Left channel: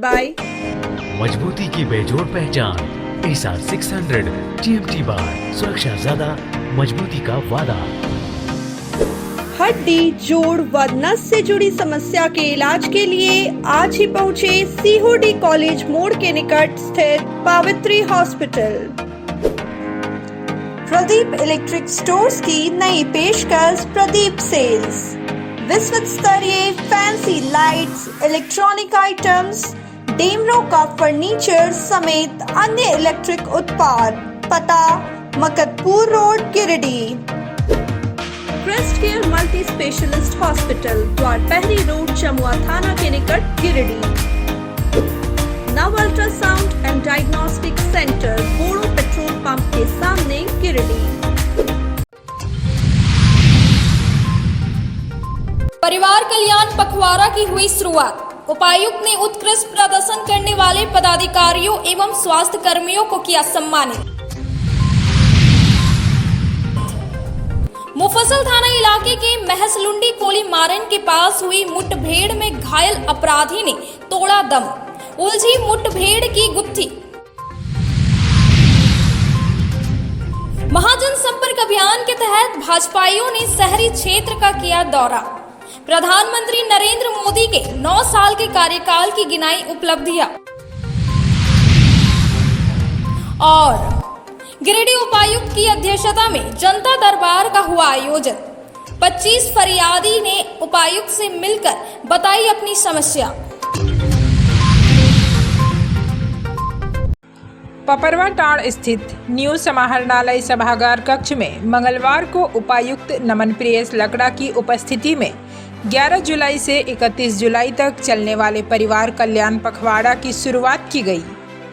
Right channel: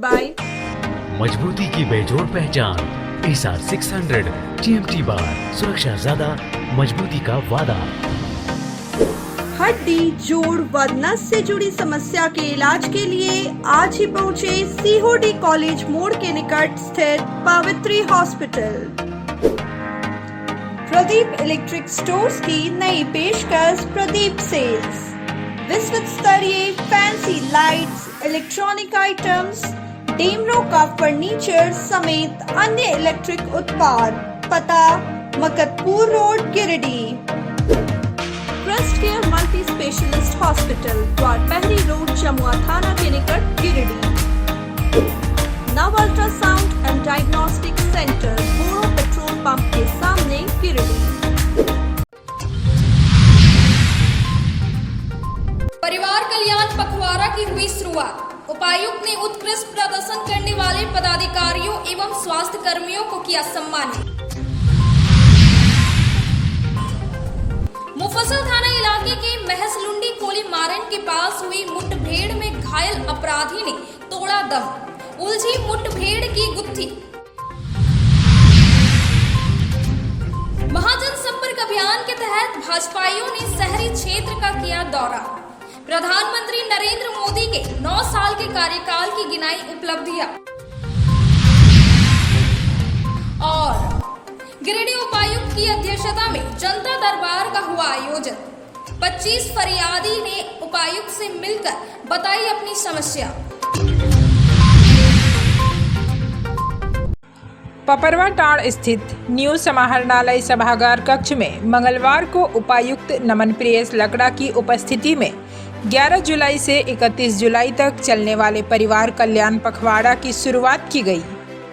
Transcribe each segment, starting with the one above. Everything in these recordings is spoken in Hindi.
by मजबूती की बेजोड़ पहचान एसआर 600 GMT बार, सुरक्षा ज्यादा, मजबूती का वादा। हड्डी, जोड़ व नस से जुड़ी समस्या के इलाज के लिए आज ही पहुँचे सीहोडी कॉलेज मोड़ के निकट स्थित Pavitri hospital. Pradeep electric stores की नई पेशकश प्रदीप सेल्स। विश्व स्तरीय fancy lights, electronic items, Damro का फर्नीचर समेत अन्य इलेक्ट्रिक उत्पाद। पता Makatpur road, Giridih. Crest care multi specialist hospital, Dwarpahari road, Chamua थाना के निकट, Giridih. Nav ultrasound and diagnostic centre, Bodo petrol pump के सामने, गिरिडीह। परिवार कल्याण पखवाड़ा की हुई शुरुआत। उपायुक्त ने उत्कृष्ट प्रदर्शन करने वाले पदाधिकारियों एवं स्वास्थ्य कर्मियों को किया सम्मानित। मुफस्सिल थाना इलाके के महसलुंडी कोली मारन के पास हुई मुठभेड़ में घायल अपराधी ने तोड़ा दम, उलझी मुठभेड़ की गुत्थी। महाजन संपर्क अभियान के तहत भाजपाइयों ने शहरी क्षेत्र का किया दौरा। प्रधानमंत्री नरेंद्र मोदी के 9 साल के कार्यकाल की गिनाई उपलब्धियां। और गिरिडीह उपायुक्त की अध्यक्षता में जनता दरबार का हुआ आयोजन। 25 फरियादी ने उपायुक्त से मिलकर बताई अपनी समस्या। पपरवाटाड़ स्थित न्यू समाहरणालय सभागार कक्ष में मंगलवार को उपायुक्त नमन प्रियेश लकड़ा की उपस्थिति में 11 जुलाई से 31 जुलाई तक चलने वाले परिवार कल्याण पखवाड़ा की शुरुआत की गई।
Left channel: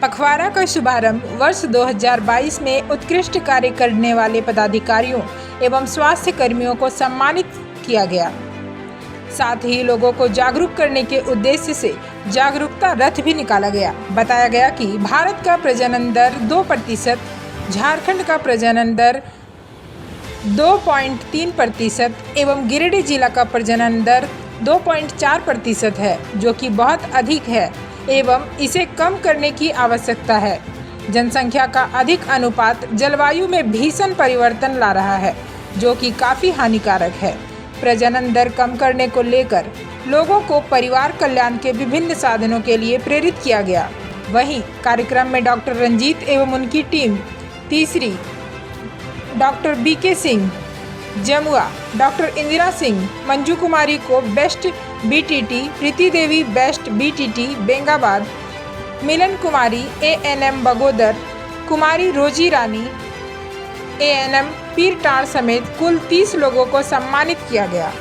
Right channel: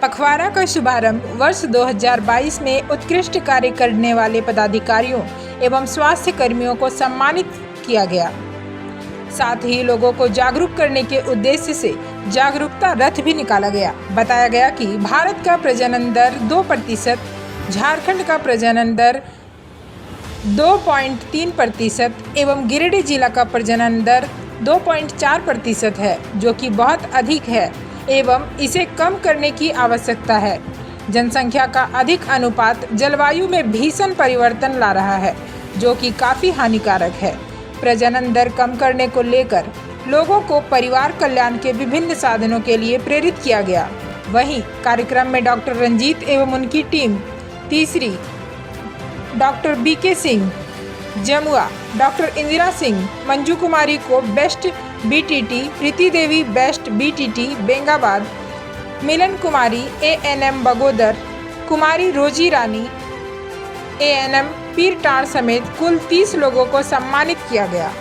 पखवाड़ा का शुभारंभ वर्ष 2022 में उत्कृष्ट कार्य करने वाले पदाधिकारियों एवं स्वास्थ्य कर्मियों को सम्मानित किया गया। साथ ही लोगों को जागरूक करने के उद्देश्य से जागरूकता रथ भी निकाला गया। बताया गया कि भारत का प्रजनन दर 2%, झारखंड का प्रजनन दर 2.3% एवं गिरिडीह जिला का प्रजनन दर 2.4% है, जो कि बहुत अधिक है एवं इसे कम करने की आवश्यकता है। जनसंख्या का अधिक अनुपात जलवायु में भीषण परिवर्तन ला रहा है, जो कि काफ़ी हानिकारक है। प्रजनन दर कम करने को लेकर लोगों को परिवार कल्याण के विभिन्न साधनों के लिए प्रेरित किया गया। वहीं कार्यक्रम में डॉक्टर रंजीत एवं उनकी टीम, तीसरी doctor BK Singh Jamua, doctor Indira Singh, Manju Kumari को best BTT, Preeti Devi best BTT Bengabad, Milan Kumari ANM Bagodar, Kumari Rozi Rani ANM Pirtanr समेत कुल 30 लोगों को सम्मानित किया गया।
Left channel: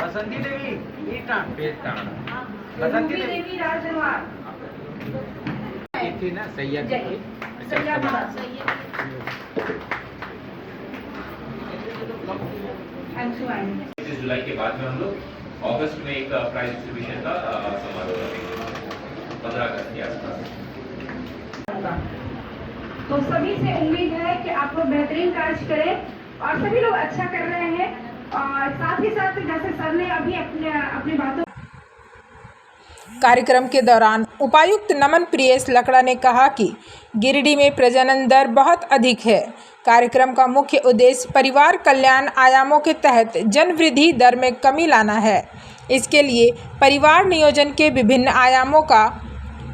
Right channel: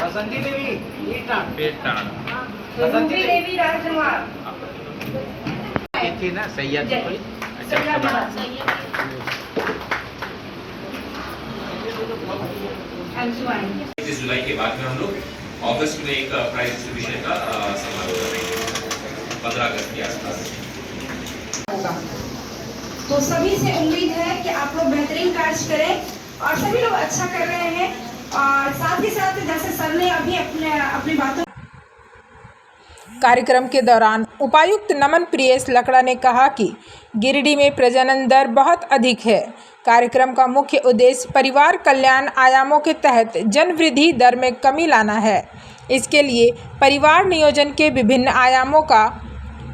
बसंती देवी बसंती देवी राजकुमार थी ना सैयद 31 जुलाई के बाद में हम लोग अगस्त में एक प्राइज डिस्ट्रीब्यूशन का समारोह करेंगे 15 अगस्त के आसपास। तो सभी से उम्मीद है कि आप लोग बेहतरीन कार्य करें और सभी लोग अच्छा कर रहे हैं। और साथ ही साथ जैसे सर ने अभी अपनी बातों। कार्यक्रम के दौरान उपायुक्त नमन प्रियेश लकड़ा ने कहा कि गिरिडीह में प्रजनन दर बहुत अधिक है। कार्यक्रम का मुख्य उद्देश्य परिवार कल्याण आयामों के तहत जन वृद्धि दर में कमी लाना है। इसके लिए परिवार नियोजन के विभिन्न आयामों का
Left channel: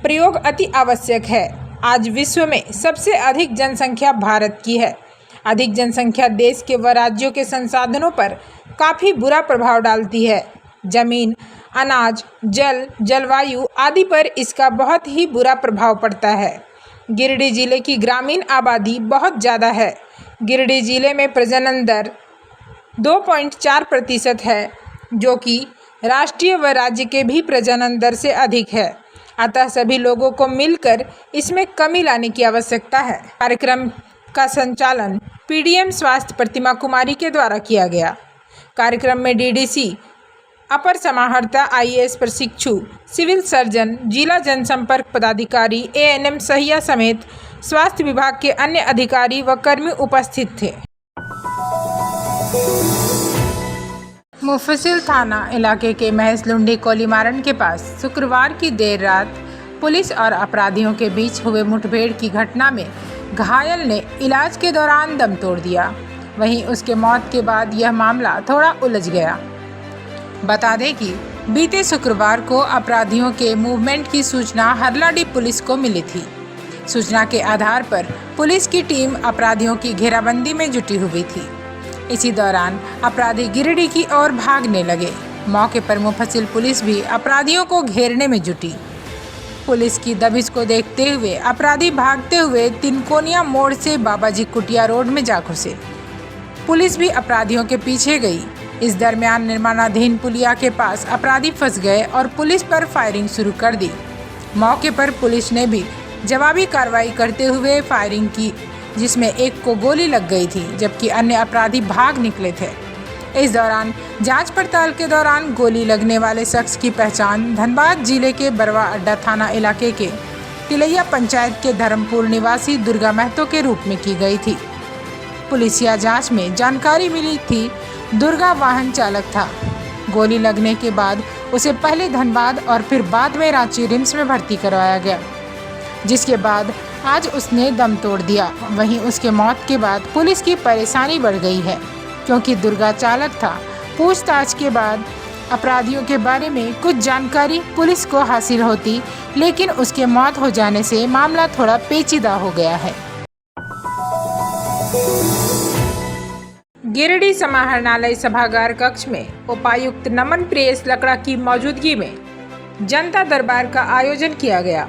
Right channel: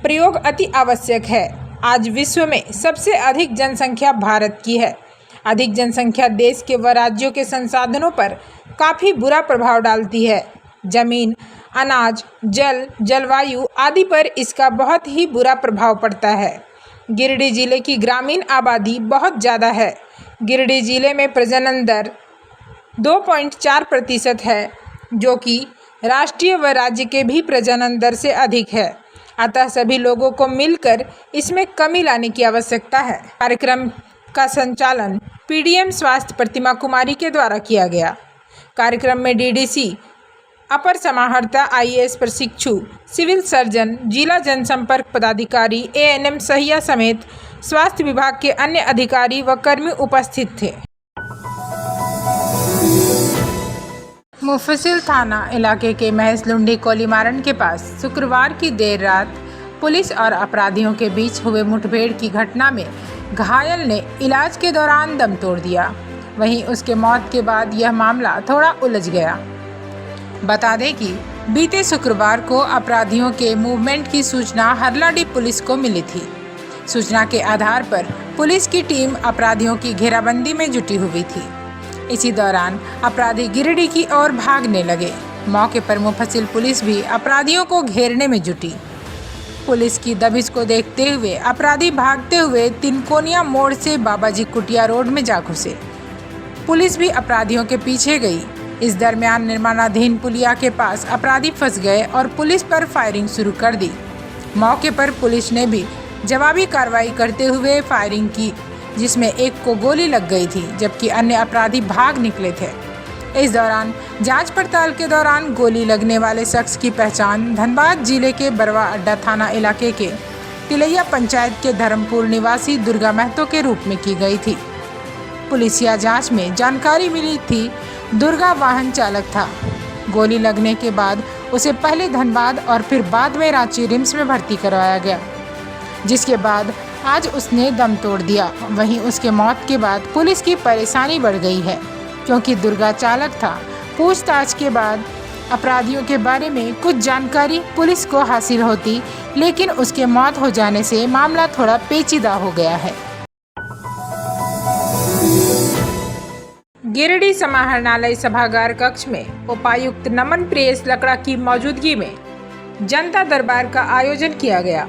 प्रयोग अति आवश्यक है। आज विश्व में सबसे अधिक जनसंख्या भारत की है। अधिक जनसंख्या देश के व राज्यों के संसाधनों पर काफ़ी बुरा प्रभाव डालती है। जमीन, अनाज, जल, जलवायु आदि पर इसका बहुत ही बुरा प्रभाव पड़ता है। गिरिडीह जिले की ग्रामीण आबादी बहुत ज़्यादा है। गिरिडीह जिले में प्रजनन दर 2.4% है, जो कि राष्ट्रीय व राज्य के भी प्रजनन दर से अधिक है। अतः सभी लोगों को मिलकर इसमें कमी लाने की आवश्यकता है। कार्यक्रम का संचालन पीडीएम स्वास्थ्य प्रतिमा कुमारी के द्वारा किया गया। कार्यक्रम में डीडीसी, अपर समाहर्ता IAS प्रशिक्षु, सिविल सर्जन, जिला जनसंपर्क पदाधिकारी, ANM सहिया समेत स्वास्थ्य विभाग के अन्य अधिकारी व कर्मी उपस्थित थे। मुफस्सिल थाना इलाके के महस लुंडी कोलीमारन के पास शुक्रवार की देर रात पुलिस और अपराधियों के बीच हुए मुठभेड़ की घटना में घायल ने इलाज के दौरान दम तोड़ दिया। वहीं उसके मौत के बाद यह मामला थोड़ा उलझ गया। बता दें कि बीते शुक्रवार को अपराधियों के मूवमेंट की सूचना हरलाडी पुलिस को मिली थी। सूचना के आधार पर पुलिस की टीम अपराधियों की घेराबंदी में जुटी हुई थी। इसी दौरान अपराधी गिरिडीह की ओर भागने लगे। मौके पर मुफस्सिल पुलिस भी अपराधियों को घेरने में जुटी। पुलिस की दबिश को देखते हुए अपराधी भागते हुए तिनकोनिया मोड़ से बाबाजी कुटिया रोड में जा घुसे। पुलिस भी अपराधियों के पीछे गई। इस दरमियान निर्माणाधीन पुलिया के पास अपराधी फंस गए और पुलिस पर फायरिंग शुरू कर दी। मौके पर पुलिस ने भी जवाबी कार्रवाई करते हुए फायरिंग की, जिसमें एक को गोली लग गई थी जबकि अन्य अपराधी भाग निकले थे। इस दौरान जांच पड़ताल के दौरान गोली लगने वाले शख्स की पहचान धनबाद जिले के बरवा अड्डा थाना इलाके के तिलैया पंचायत के धर्मपुर निवासी दुर्गा महतो के रूप में की गई थी। पुलिसिया जांच में जानकारी मिली थी दुर्गा वाहन चालक था। गोली लगने के बाद उसे पहले धनबाद और फिर बाद में रांची रिम्स में भर्ती करवाया गया, जिसके बाद आज उसने दम तोड़ दिया। वहीं उसके मौत के बाद पुलिस की परेशानी बढ़ गई है, क्योंकि दुर्गा चालक था। पूछताछ के बाद अपराधियों के बारे में कुछ जानकारी पुलिस को हासिल होती, लेकिन उसके मौत हो जाने से मामला थोड़ा पेचीदा हो गया है। गिरिडीह समाहरणालय सभागार कक्ष में उपायुक्त नमन प्रियेश लकड़ा की मौजूदगी में जनता दरबार का आयोजन किया गया।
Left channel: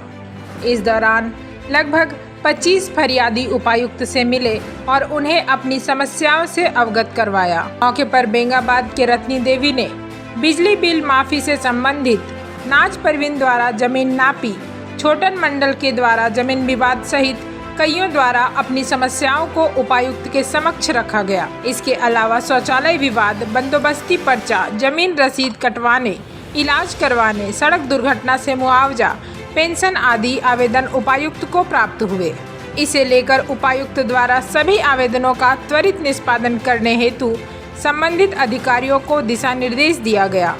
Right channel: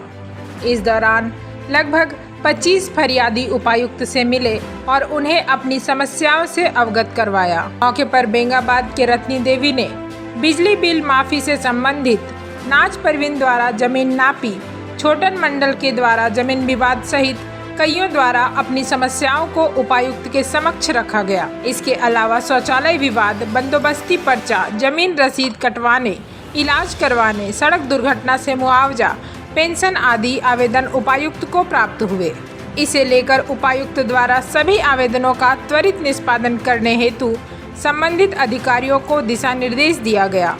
इस दौरान लगभग 25 फरियादी उपायुक्त से मिले और उन्हें अपनी समस्याओं से अवगत करवाया। मौके पर बेंगाबाद के रत्नी देवी ने बिजली बिल माफी से संबंधित, नाज परवीन द्वारा जमीन नापी, छोटन मंडल के द्वारा जमीन विवाद सहित कईयों द्वारा अपनी समस्याओं को उपायुक्त के समक्ष रखा गया। इसके अलावा शौचालय विवाद, बंदोबस्ती पर्चा, जमीन रसीद कटवाने, इलाज करवाने, सड़क दुर्घटना से मुआवजा, पेंशन आदि आवेदन उपायुक्त को प्राप्त हुए। इसे लेकर उपायुक्त द्वारा सभी आवेदनों का त्वरित निष्पादन करने हेतु संबंधित अधिकारियों को दिशा निर्देश दिया गया।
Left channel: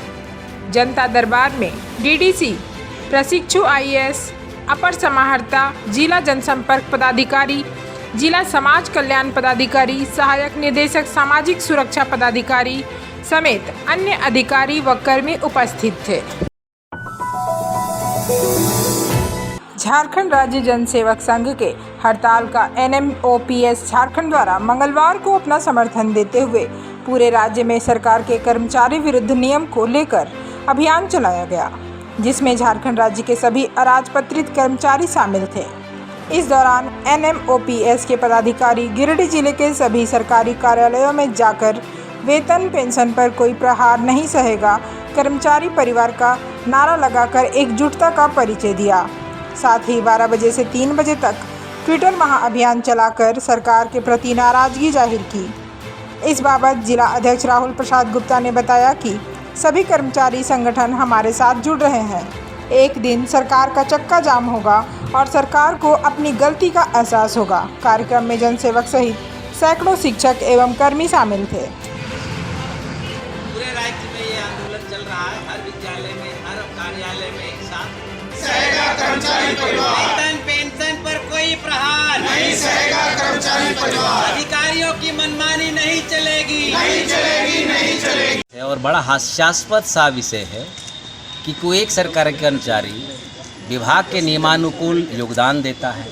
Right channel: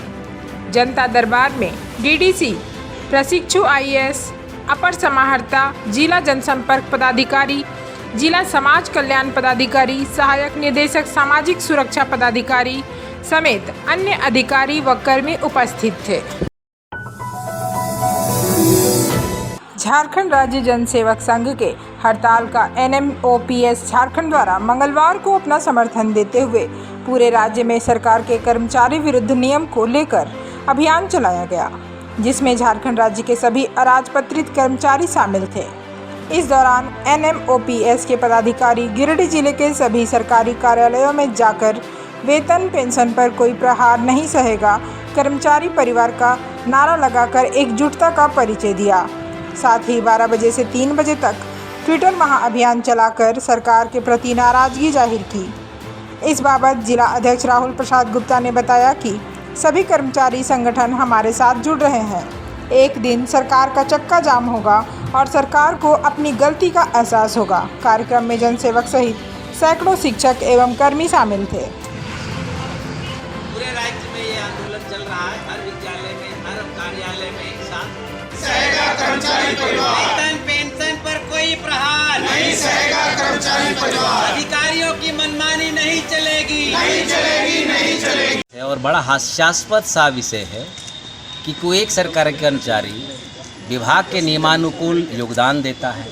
जनता दरबार में डीडीसी, प्रशिक्षु IAS, अपर समाहर्ता, जिला जनसंपर्क पदाधिकारी, जिला समाज कल्याण पदाधिकारी, सहायक निदेशक सामाजिक सुरक्षा पदाधिकारी समेत अन्य अधिकारी व कर्मी उपस्थित थे। झारखंड राज्य जनसेवक संघ के हड़ताल का NMOPS झारखंड द्वारा मंगलवार को अपना समर्थन देते हुए पूरे राज्य में सरकार के कर्मचारी विरुद्ध नियम को लेकर अभियान चलाया गया, जिसमें झारखंड राज्य के सभी अराजपत्रित कर्मचारी शामिल थे। इस दौरान NMOPS के पदाधिकारी गिरिडीह जिले के सभी सरकारी कार्यालयों में जाकर वेतन पेंशन पर कोई प्रहार नहीं सहेगा कर्मचारी परिवार का नारा लगाकर एकजुटता का परिचय दिया। साथ ही 12 बजे से 3 बजे तक ट्विटर महाअभियान चलाकर सरकार के प्रति नाराजगी जाहिर की। इस बाबत जिला अध्यक्ष राहुल प्रसाद गुप्ता ने बताया कि सभी कर्मचारी संगठन हमारे साथ जुड़ रहे हैं। एक दिन सरकार का चक्का जाम होगा और सरकार को अपनी गलती का एहसास होगा। कार्यक्रम में जनसेवक सहित सैकड़ों शिक्षक एवं कर्मी शामिल थे। पूरे राज्य में ये आंदोलन चल रहा है। हर विद्यालय में, हर कार्यालय में एक साथ सहेगा कर्मचारी परिवार। वेतन पेंशन पर कोई प्रहार नहीं सहेगा कर्मचारी परिवार। अधिकारियों की मनमानी नहीं चलेगी, नहीं चलेगी, नहीं चलेगी। और बड़ा हास्यास्पद सा विषय है कि कोई एक सरकारी कर्मचारी विभाग के नियमानुकूल योगदान देता है।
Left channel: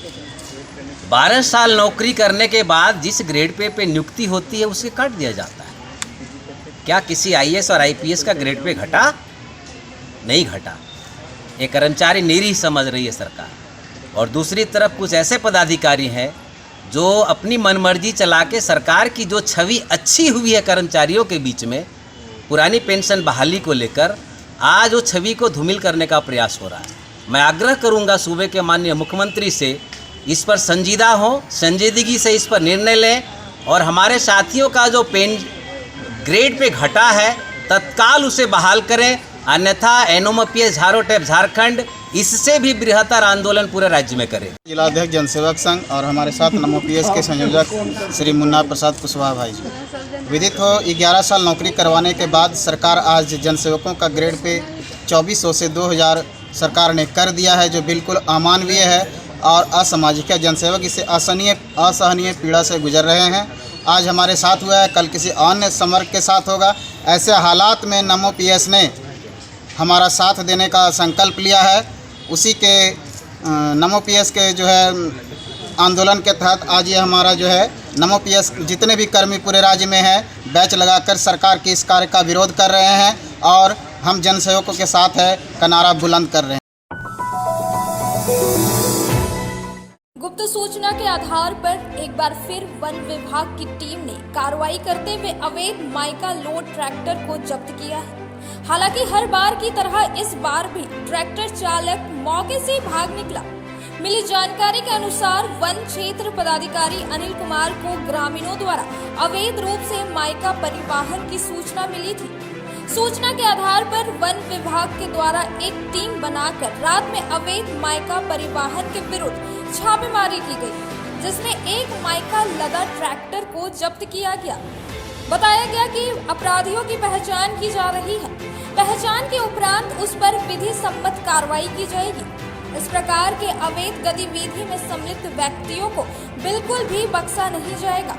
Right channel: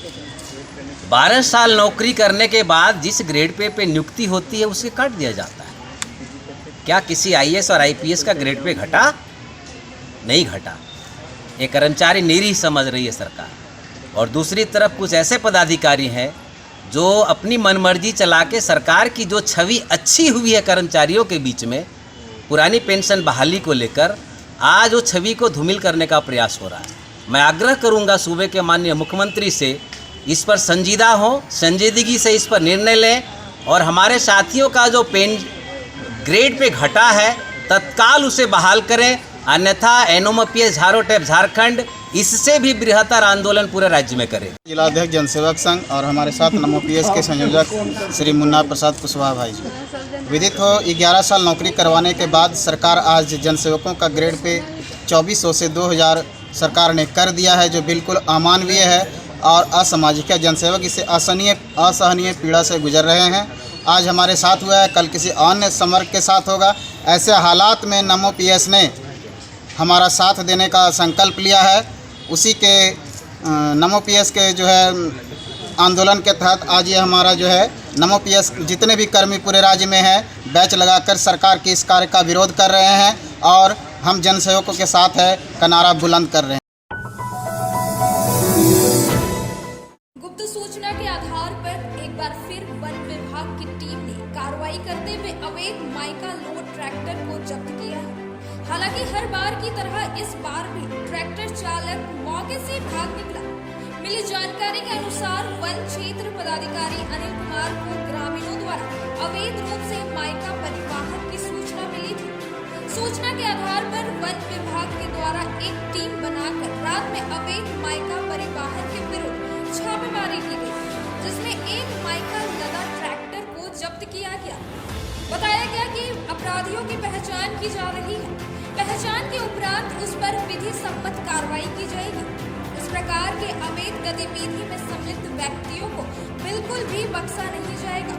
12 साल नौकरी करने के बाद जिस ग्रेड पे नियुक्ति होती है उसे काट दिया जाता है। क्या किसी IAS और IPS का ग्रेड पे घटा? नहीं घटा। ये कर्मचारी निरीह समझ रही है सरकार। और दूसरी तरफ कुछ ऐसे पदाधिकारी हैं जो अपनी मनमर्जी चला के सरकार की जो छवि अच्छी हुई है कर्मचारियों के बीच में, पुरानी पेंशन बहाली को लेकर, आज वो छवि को धूमिल करने का प्रयास हो रहा है। मैं आग्रह करूंगा सूबे के माननीय मुख्यमंत्री से इस पर संजीदगी से इस पर निर्णय लें और हमारे साथियों का जो ग्रेड पे घटा है तत्काल उसे बहाल करें, अन्यथा NOMPS झारो टैप झारखंड इससे भी बृहत्तर आंदोलन पूरे राज्य में करें। जिलाध्यक्ष जनसेवक संघ और हमारे साथ NOMPS के संयोजक श्री मुन्ना प्रसाद कुशवाहा भाई जी। विदित हो 11 साल नौकरी करवाने के बाद सरकार आज जनसेवकों का ग्रेड पे 2400 से 2000 सरकार ने कर दिया है, जो बिल्कुल अमानवीय है और असामाजिक है। जनसेवक इसे असहनीय पीड़ा से गुजर रहे हैं। आज हमारे साथ हुआ है, कल किसी अन्य समर्ग के साथ होगा। ऐसे हालात में NOMPS ने हमारा साथ देने का संकल्प लिया है। उसी के NOMPS के जो है आंदोलन के तहत आज ये हमारा जो है NOMPS जितने भी कर्मी पूरे राज्य में हैं बैच लगाकर सरकार के इस कार्य का विरोध कर रहे हैं और हम जनसेवकों के साथ है का नारा बुलंद कर रहे हैं। गुप्त सूचना के आधार पर एक बार फिर वन विभाग की टीम ने कार्रवाई करते हुए अवैध माइका लोड ट्रैक्टर को जब्त किया है। हालांकि हर बार की तरह इस बार भी ट्रैक्टर चालक मौके से भाग निकला। मिली जानकारी के अनुसार वन क्षेत्र पदाधिकारी अनिल कुमार को ग्रामीणों द्वारा अवैध रूप से माइका परिवहन की सूचना मिली थी। सूचना के आधार पर वन विभाग के द्वारा एक टीम बनाकर रात में अवैध माइका परिवहन के विरुद्ध छापेमारी की गई, जिसमें एक माइका लगा ट्रैक्टर को जब्त किया गया। बताया गया कि अपराधियों की पहचान की जा रही है। पहचान के उपरांत उस पर विधि सम्मत कार्रवाई की जाएगी। इस प्रकार के अवैध गतिविधि में सम्मिलित व्यक्तियों को बिल्कुल भी बख्शा नहीं जाएगा।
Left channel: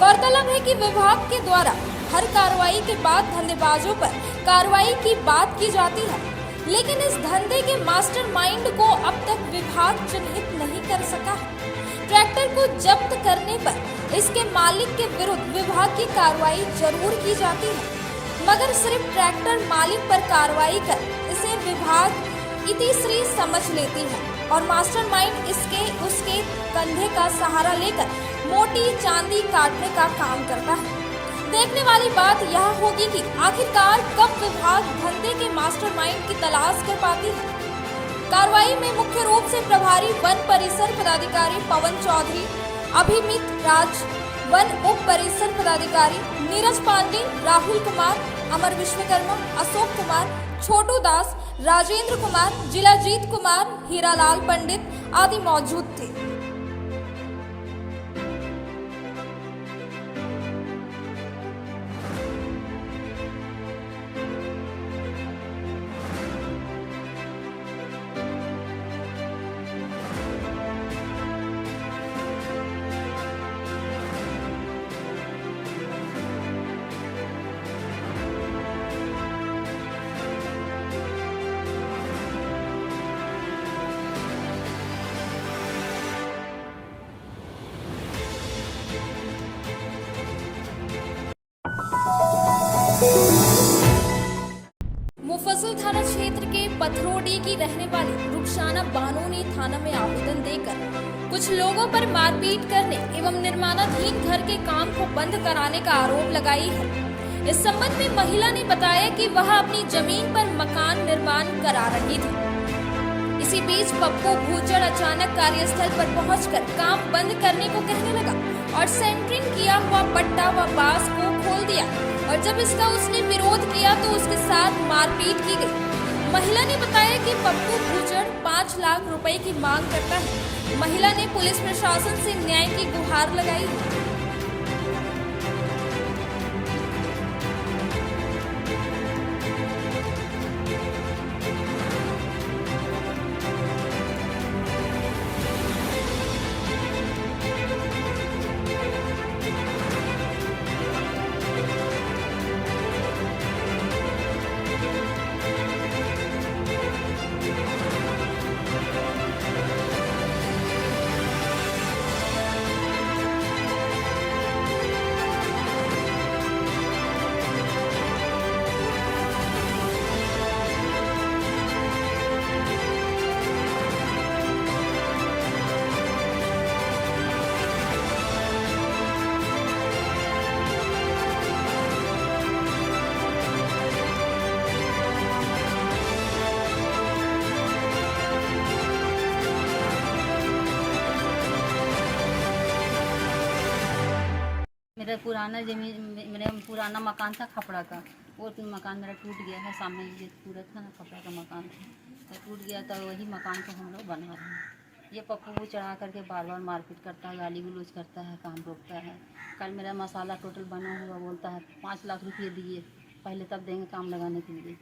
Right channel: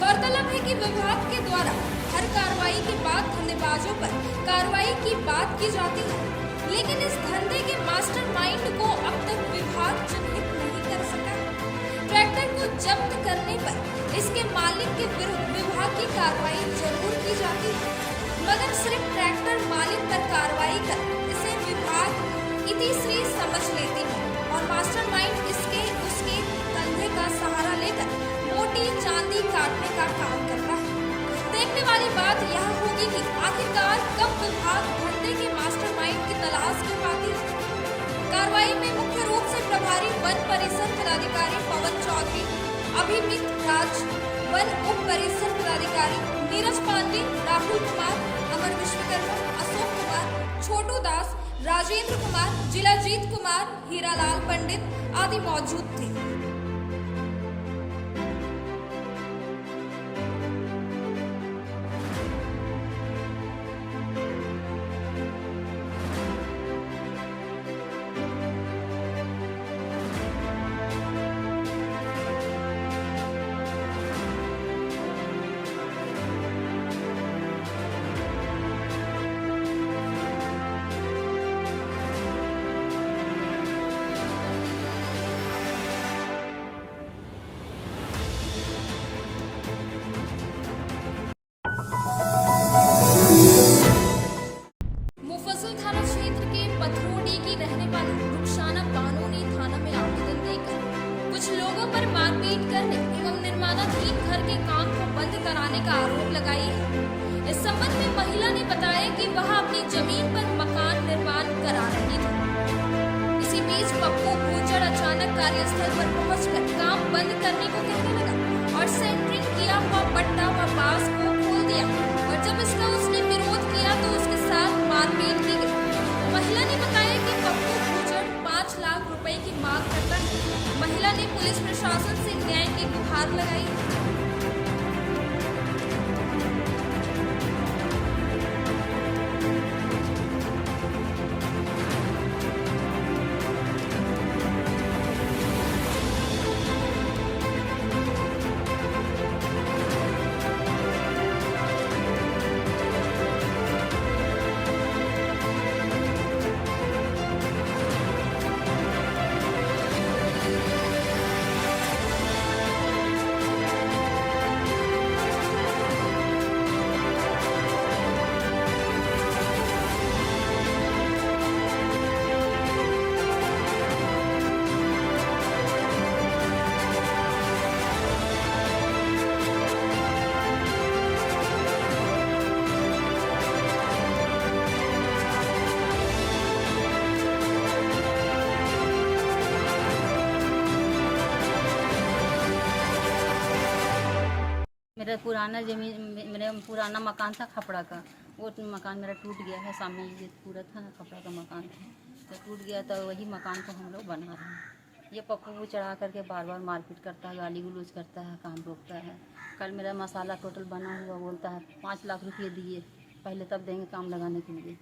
गौरतलब है कि विभाग के द्वारा हर कार्रवाई के बाद धंधेबाजों पर कार्रवाई की बात की जाती है, लेकिन इस धंधे के मास्टरमाइंड को अब तक विभाग चिन्हित नहीं कर सका। ट्रैक्टर को जब्त करने पर इसके मालिक के विरुद्ध विभाग की कार्रवाई जरूर की जाती है, मगर सिर्फ ट्रैक्टर मालिक पर कार्रवाई कर इसे विभाग इतिश्री समझ लेते हैं और मास्टरमाइंड इसके उसके कंधे का सहारा लेकर मोटी चांदी काटने का काम करता है। देखने वाली बात यह होगी कि आखिरकार कब विभाग धंधे के मास्टरमाइंड की तलाश कर पाती है। कार्रवाई में मुख्य रूप से प्रभारी वन परिसर पदाधिकारी पवन चौधरी, अभिमित राज, वन उप परिसर पदाधिकारी नीरज पांडे, राहुल कुमार, अमर विश्वकर्मा, अशोक कुमार, छोटू दास, राजेंद्र कुमार, जिलाजीत कुमार, हीरालाल पंडित आदि मौजूद थे। मुफस्सिल थाना क्षेत्र के पथरोडी की रहने वाली रुखसाना बानो ने थाना में आवेदन देकर कुछ लोगों पर मारपीट करने एवं निर्माणाधीन घर के काम को बंद कराने का आरोप लगाई है। इस संबंध में महिला ने बताया कि वह अपनी जमीन पर मकान निर्माण करा रही थी। इसी बीच पप्पू भूचड़ अचानक कार्यस्थल पर पहुंचकर काम बंद करने को कहने लगा और सेंटरिंग किया हुआ पट्टा व बांस को खोल दिया और जब इसका उसने विरोध किया तो उसके साथ मारपीट की गई। महिला ने बताया कि पप्पू भूचड़ 5 लाख रुपए की मांग करता है। महिला ने पुलिस प्रशासन से न्याय की गुहार लगाई। मेरा पुराना जमीन मेरा पुराना मकान था खपड़ा का, वो तो मकान मेरा टूट गया है। सामने ये पूरा था ना खपड़ा का मकान था, तो टूट गया, तो वही मकान को हम लोग बना रहे हैं। ये पप्पू को चढ़ा करके बार बार मारपीट करता है, गाली गलौज करता है, काम रोकता है। कल मेरा मसाला टोटल बना हुआ बोलता है 5 लाख रुपये दिए पहले, तब देंगे काम लगाने के लिए।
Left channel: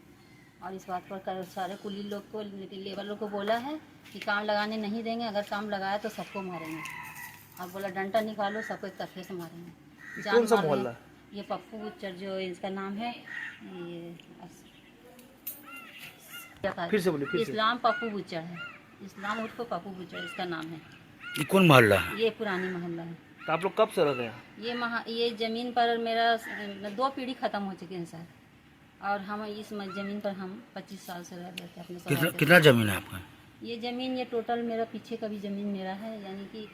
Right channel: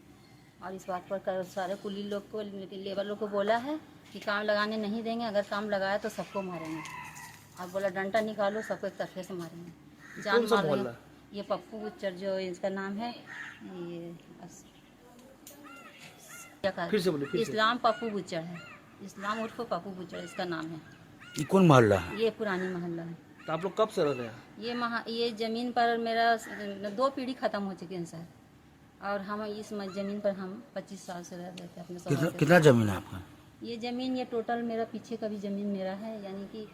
और इस बात पर सारे कुली लोग को, लेबर लोग को बोला है कि काम लगाने नहीं देंगे, अगर काम लगाया तो सबको मारेंगे। और बोला डंडा निकालो, सबको एक तख्ते से मारेंगे, जान मारेंगे। ये पप्पू गुज्जर जो इसका नाम है, ये फिर से बोलिए, इस्लाम पप्पू गुज्जर है, इस्लाम उर्फ पप्पू गुज्जर इसका नाम है। ये कौन मोहल्ला है? ये पुरानी मोहल्ला है। तो आप लोग कब से रहते हैं? ये ज़मीन पर मेरा 2 पीढ़ी ख़त्म हो चुकी है सर, और हम इस ज़मीन पर हम 25 साल से रह रहे थे अपने। कितना ज़मीन है आपका? ये ज़मीन, ये टोटल मेरा पीछे का भी ज़मीन मेरा है, यानी कि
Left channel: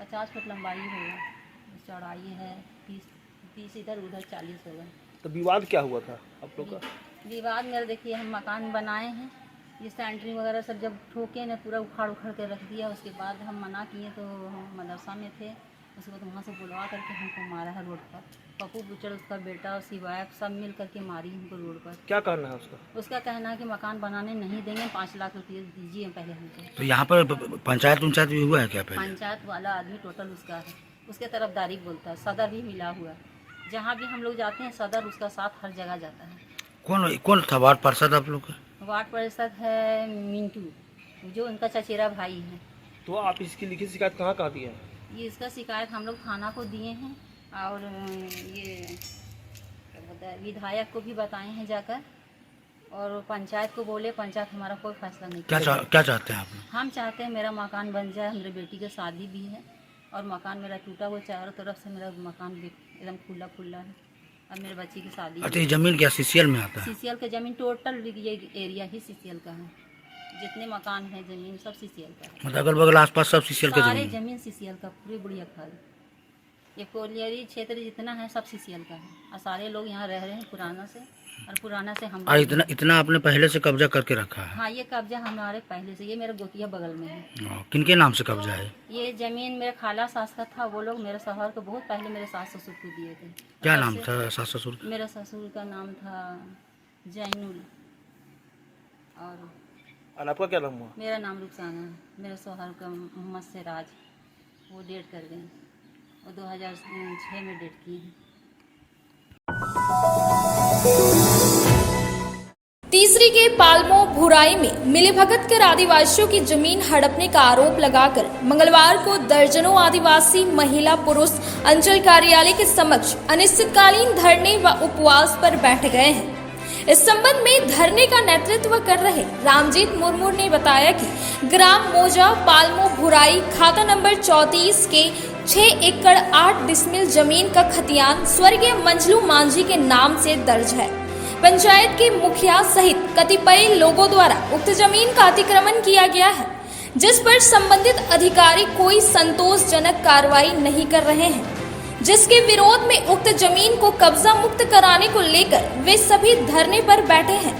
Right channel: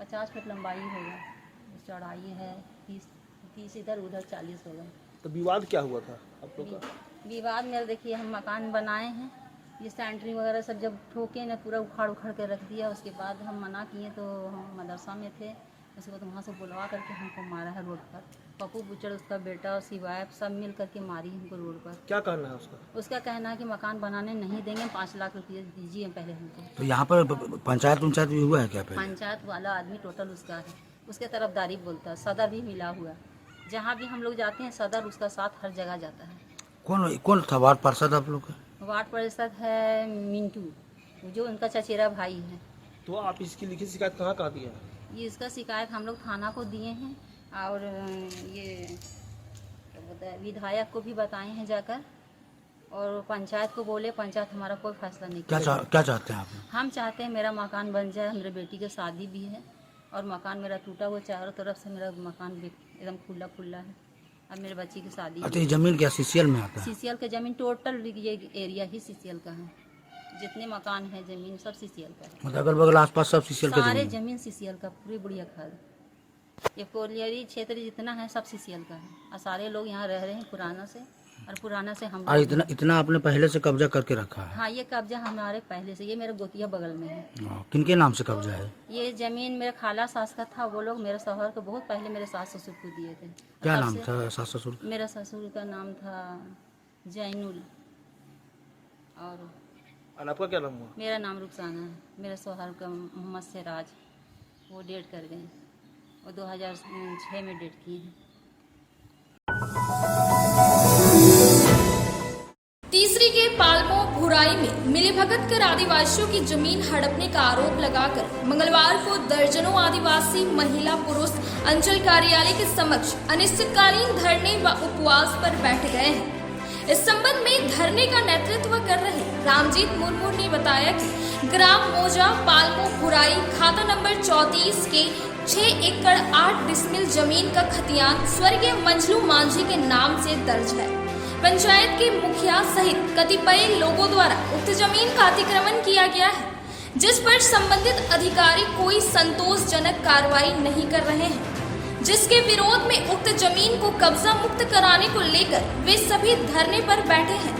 50 फुट लंबाई होगा, चौड़ाई है 30 इधर उधर 40 होगा। तो विवाद क्या हुआ था आप लोग का? विवाद मेरा देखिए, हम मकान बनाए हैं, ये सेंटरिंग वगैरह सब जब ठोके ना पूरा उखाड़ के रख दिया। उसके बाद हम मना किए, तो हम मदरसा में थे, उसके बाद वहाँ से बुलवा करके हमको मारा है रोड पर। पप्पू गुज्जर, उसका बेटा, उसकी वाइफ सब मिल करके मारी हमको रोड पर। क्या कहना है उसका? उसका कहना है कि मकान बनाने नहीं देंगे, 5 लाख रुपये दीजिए पहले हमको। तो यहाँ पर पंचायत भी हुआ है क्या पहले? पंचायत वाला आदमी टोटल उसका है, उसके तरफदारी बोलता है। सदर भी मिला हुआ है, जहाँ भी हम लोग जाते हैं सदर उसका साथ हर जगह जाता है। कौन था वार्ड पार्षद आप लोग का? वार्ड पार्षद है मिंटू, जो उनका चचेरा भाई है। तो आप इसकी लिखित शिकायत कहाँ दी है? ये इसका शिकायत हम लोग थाना को दिए हैं, और ये विधायक को भी बताए हैं जाकर, और पंचायत को बोले, पंचायत हमारा कोई फैसला नहीं। क्या चाहते हैं आप? हम चाहते हैं मेरा मकान बन जाए, मेरे बेटी की शादी भी है, और मकान मेरा टूटा हुआ, चारों तरफ से मेरा मकान एकदम खुला है, और मेरे बच्ची की शादी। अच्छा, ये जमीन क्या सीसीएल में आता है? सीसीएल का जमीन टोटल, ये एरिया ही सीसीएल का है, जितने मकान है जमीन सब सीसीएल का है। मतलब अगल बगल आसपास सब सीसीएल का सारे जमीन सीसीएल का, पूरी बुढ़िया खाल, ये कोलियरी क्षेत्र जितना है सब सीसीएल का है, और सारे लोग यहाँ रह रहे हैं पुराना से, और पुराना से हम। इतना आपने पहले से कब्जा करके रखा है? हाँ, ये कब्जा हमारे पहले से, ये मेरे गोतिया बगल में है। किनके नाम से कब्जा है? ये जमीन मेरे खाला सास का था, वो लोग मेरे शौहर को बहुत पहले मेरे सास ससुर को दिए थे। क्या नाम था सास ससुर? मेरा ससुर का नाम था जैनुल, और आपका क्या नाम हुआ? मेरा नाम रुखसाना है। मेरा शौहर का मोहम्मद सिराज, वो डेट कर गए, वो 2006 में डेट किए हैं। तीसरी के पालमो भुराई में मिलीभगत कर आदिवासियों की जमीन हड़पने का आरोप लगाकर मंगलवार को दर्जनों आदिवासी महिला पुरुष अंचल कार्यालय के समक्ष अनिश्चितकालीन धरने व उपवास पर बैठ गए हैं। इस संबंध में धरने का नेतृत्व कर रहे रामजीत मुर्मू ने बताया कि ग्राम मोजा पालमो भुराई खाता नंबर 34 के 6 एकड़ 8 डिसमिल जमीन का खतियान स्वर्गीय मंजलू मांझी के नाम से दर्ज है। पंचायत के मुखिया सहित कतिपय लोगों द्वारा उक्त जमीन का अतिक्रमण किया गया है, जिस पर संबंधित अधिकारी कोई संतोषजनक कार्रवाई नहीं कर रहे हैं, जिसके विरोध में उक्त जमीन को कब्जा मुक्त कराने को लेकर वे सभी धरने पर बैठे हैं।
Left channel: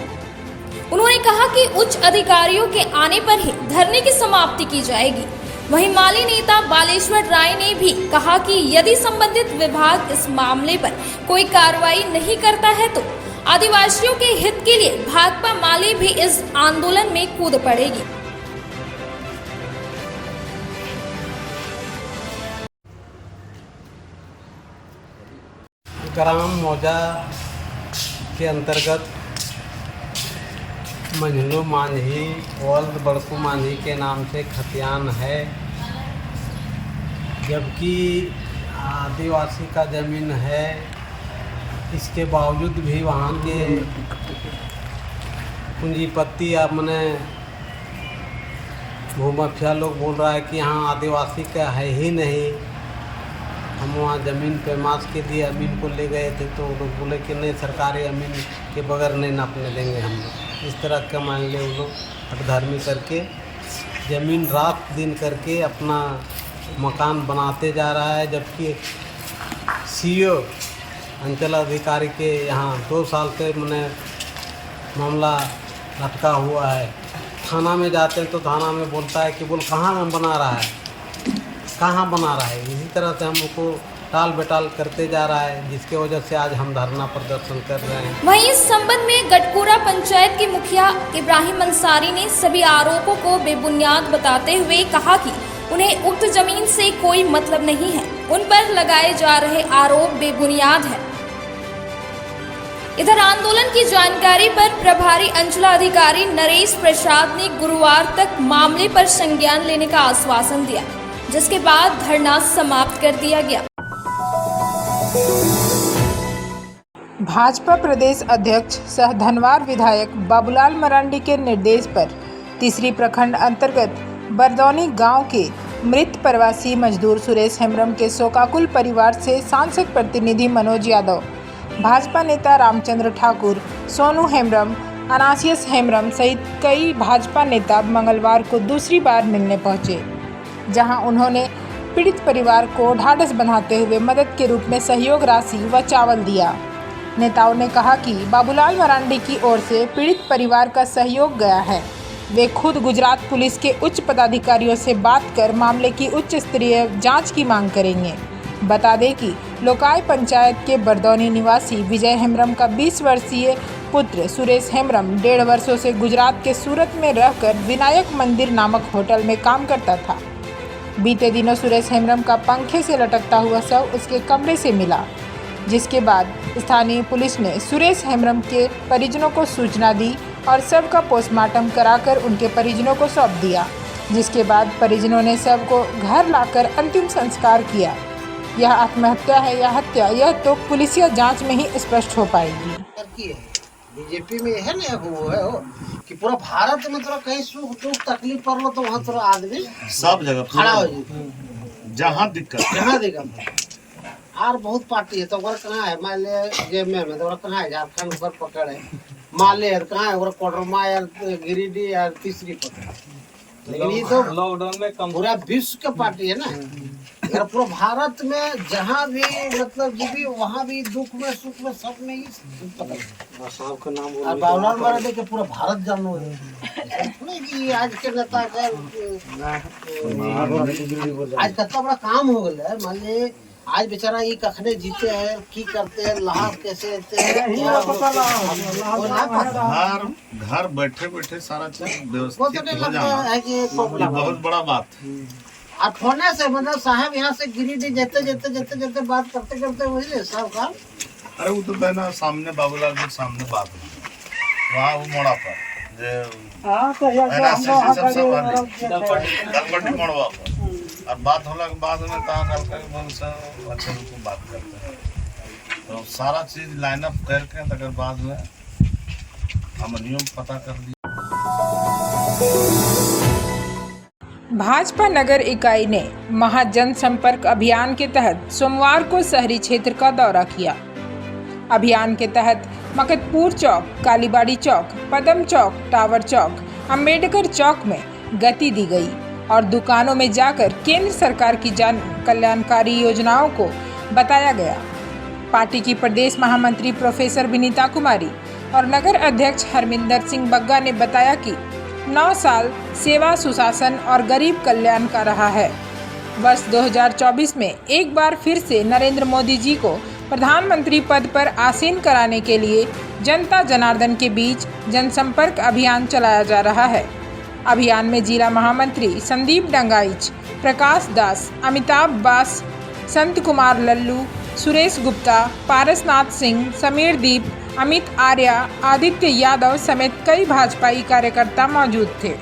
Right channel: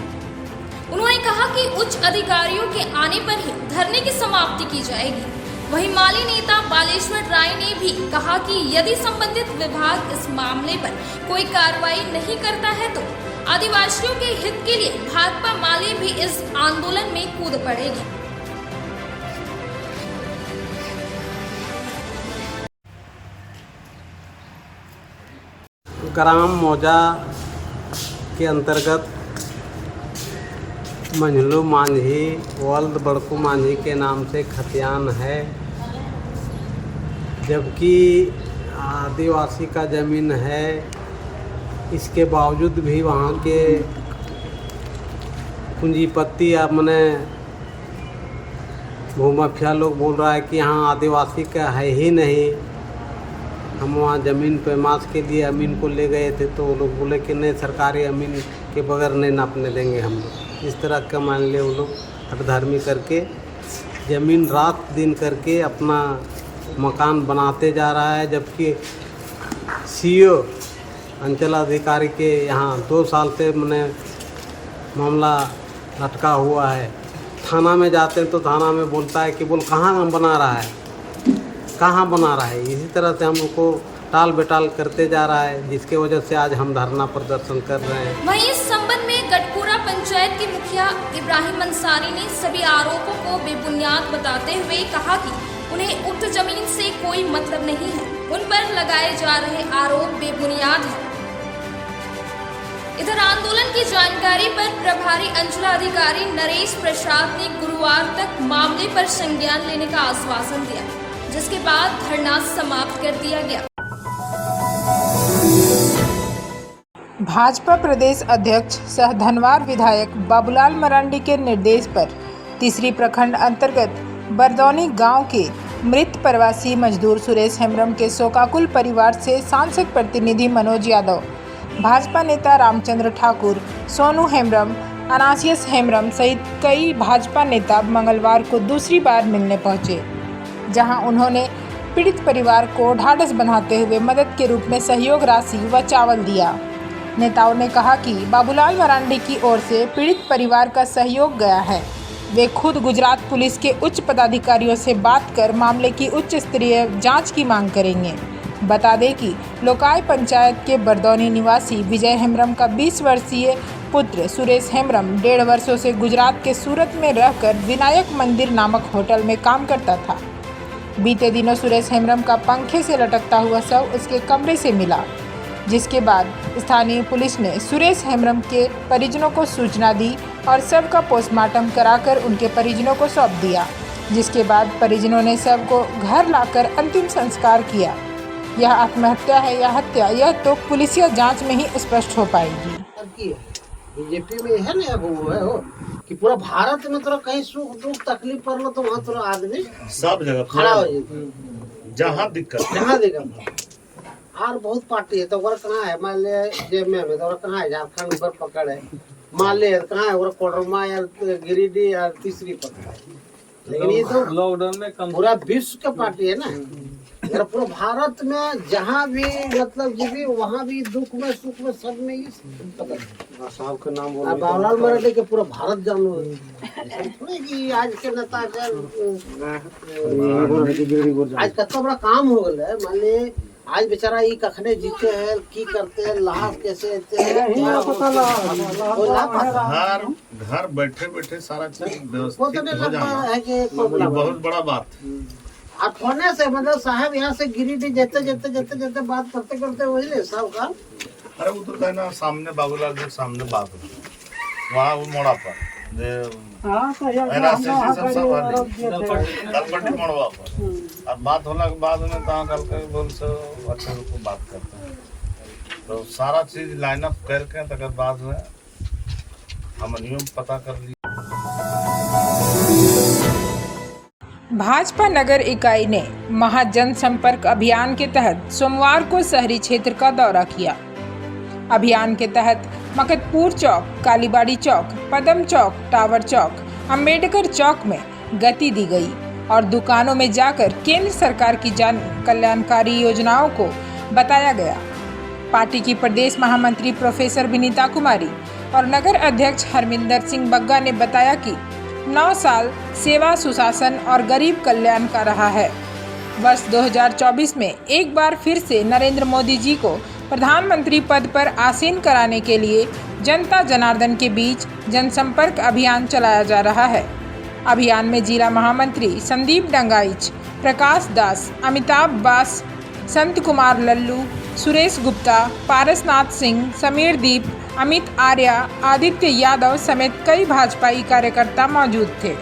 उन्होंने कहा कि उच्च अधिकारियों के आने पर ही धरने की समाप्ति की जाएगी। वहीं माली नेता बालेश्वर राय ने भी कहा कि यदि संबंधित विभाग इस मामले पर कोई कार्रवाई नहीं करता है तो आदिवासियों के हित के लिए भाकपा माले भी इस आंदोलन में कूद पड़ेगी। ग्राम मौजा के अंतर्गत मंझलू मांझी वल्द बड़कू मांझी के नाम से खतियान है, जबकि आदिवासी का ज़मीन है। इसके बावजूद भी वहाँ के पूंजीपति या मने भूमाफिया लोग बोल रहा है कि यहाँ आदिवासी का है ही नहीं। हम वहाँ ज़मीन पे मास के लिए अमीन को ले गए थे, तो वो लोग बोले कि नहीं, सरकारी अमीन के बगैर नहीं नापने देंगे हम लोग। इस तरह का मान ले वो लोग हठधर्मी करके ज़मीन रात दिन करके अपना मकान बनाते जा रहा है, जबकि सीओ अंचल अधिकारी के यहाँ 2 साल से मैंने मामला लटका हुआ है। थाना में जाते हैं तो थाना में बोलता है कि बोल कहाँ बना रहा है, कहाँ बना रहा है। इसी तरह से हम लोग को टाल बेटाल करते जा रहा है, जिसके वजह से आज हम धरना प्रदर्शन कर रहे हैं। वहीं इस संबंध में गटपुरा पंचायत के मुखिया इब्राहिम अंसारी ने सभी आरोपों को बेबुनियाद बताते हुए कहा कि उन्हें उक्त जमीन से कोई मतलब नहीं है, उन पर लगाए जा रहे आरोप बेबुनियाद है। इधर आंदोलन की जानकारी पर प्रभारी अंचलाधिकारी नरेश प्रसाद ने गुरुवार तक मामले पर संज्ञान लेने का आश्वासन दिया, जिसके बाद धरना समाप्त कर दिया गया। भाजपा प्रदेश अध्यक्ष सह धनवार विधायक बाबूलाल मरांडी के निर्देश पर तीसरी प्रखंड अंतर्गत बरदौनी गांव के मृत प्रवासी मजदूर सुरेश हेम्ब्रम के शोकाकुल परिवार से सांसद प्रतिनिधि मनोज यादव, भाजपा नेता रामचंद्र ठाकुर, सोनू हेम्ब्रम, अनासियस हेम्ब्रम सहित कई भाजपा नेता मंगलवार को दूसरी बार मिलने पहुंचे, जहां उन्होंने पीड़ित परिवार को ढाढ़स बंधाते हुए मदद के रूप में सहयोग राशि व चावल दिया। नेताओं ने कहा कि बाबूलाल मरांडी की ओर से पीड़ित परिवार का सहयोग गया है। वे खुद गुजरात पुलिस के उच्च पदाधिकारियों से बात कर मामले की उच्च स्तरीय जांच की मांग करेंगे। बता दें कि लोकाय पंचायत के बरदौनी निवासी विजय हेम्ब्रम का 20 वर्षीय पुत्र सुरेश हेम्ब्रम 1.5 वर्षों से गुजरात के सूरत में रहकर विनायक मंदिर नामक होटल में काम करता था। बीते दिनों सुरेश हेम्ब्रम का पंखे से लटकता हुआ शव उसके कमरे से मिला, जिसके बाद स्थानीय पुलिस ने सुरेश हेम्ब्रम के परिजनों को सूचना दी और शव का पोस्टमार्टम कराकर उनके परिजनों को सौंप दिया, जिसके बाद परिजनों ने शव को घर लाकर अंतिम संस्कार किया। यह आत्महत्या है या हत्या, यह तो पुलिसिया जांच में ही स्पष्ट हो पाएगी। बीजेपी में है ना वो है हो कि पूरा भारत में तोरा कहीं सुख दुख तकलीफ पड़लो तो वहाँ तोरा आदमी सब जगह खड़ा हो जाए, जहाँ दिक्कत और बहुत पार्टी है तो कहाँ है, मान ले जेब में तो कहाँ है, झारखंड पर पकड़ है, मान ले कहाँ है कोडरमा या गिरिडीह या तीसरी पकड़ है। लेकिन ये तो लॉकडाउन में पूरा विश्व का पार्टी है ना, अगर पूरा भारत में जहाँ भी मतलब जो भी वहाँ भी दुख में सुख में सब में ही साहब का नाम बोल बाबूलाल मरांडी के पूरा भारत जानो है कि आज के नेता का आज कितना बड़ा काम हो गया है। मान ले आज बेचारा ये कखने जीते हैं की करते हैं, लाभ कैसे देते हैं, घर बैठे बैठे सारा चीज व्यवस्थित हो जाना ये बहुत बड़ा बात। अब फोने से मतलब साहब यहाँ से गिरिडीह जेते बात करते करते वही सब काम। अरे वो तो ना सामने बाबूलाल के सामने बात हुई वहाँ वो मोड़ा पर मोड़वा पर और बात होने के बाद में कहाँ गल बोल से अच्छे को बात करते हैं, तो सारा चीज लाइन अप करके तक बाद में हम नियम पता कर लिया। भाजपा नगर इकाई ने महाजन संपर्क अभियान के तहत सोमवार को शहरी क्षेत्र का दौरा किया। अभियान के तहत मकतपुर चौक, कालीबाड़ी चौक, पदम चौक, टावर चौक, अंबेडकर चौक में गति दी गई और दुकानों में जाकर केंद्र सरकार की जन कल्याणकारी योजनाओं को बताया गया। पार्टी की प्रदेश महामंत्री प्रोफेसर विनीता कुमारी और नगर अध्यक्ष हरमिंदर सिंह बग्गा ने बताया कि 9 साल सेवा, सुशासन और गरीब कल्याण का रहा है। वर्ष 2024 में एक बार फिर से नरेंद्र मोदी जी को प्रधानमंत्री पद पर आसीन कराने के लिए जनता जनार्दन के बीच जनसंपर्क अभियान चलाया जा रहा है। अभियान में जिला महामंत्री संदीप डंगाइच, प्रकाश दास, अमिताभ बास, संत कुमार लल्लू, सुरेश गुप्ता, पारसनाथ सिंह, समीर दीप, अमित आर्या, आदित्य यादव समेत कई भाजपाई कार्यकर्ता मौजूद थे।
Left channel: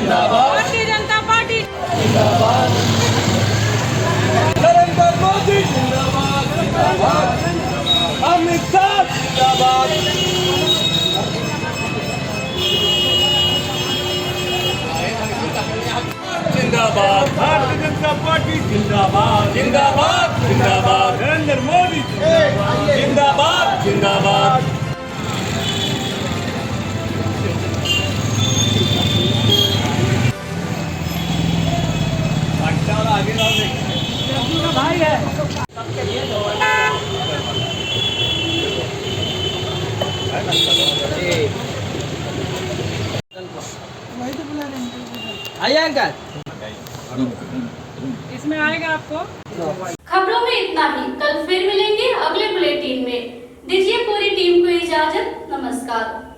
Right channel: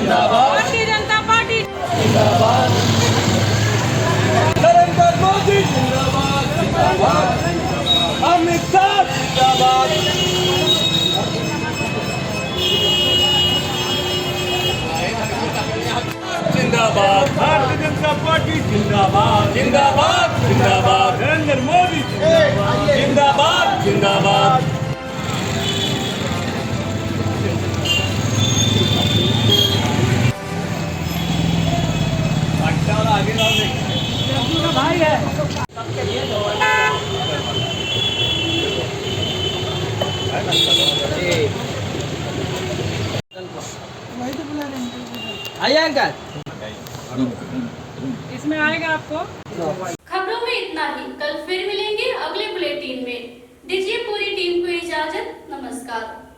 भारतीय जनता पार्टी जिंदाबाद, नरेंद्र मोदी जिंदाबाद, अमित शाह जिंदाबाद, जिंदाबाद, भारतीय जनता पार्टी जिंदाबाद, जिंदाबाद, जिंदाबाद, नरेंद्र मोदी जिंदाबाद, जिंदाबाद। आगे भाई है आइए अंकल। इसमें आएगा आपको। खबरों में इतना ही। कल फिर मिलेंगे अगले बुलेटिन में। दीजिए पूरी टीम को इजाजत। नमस्कार।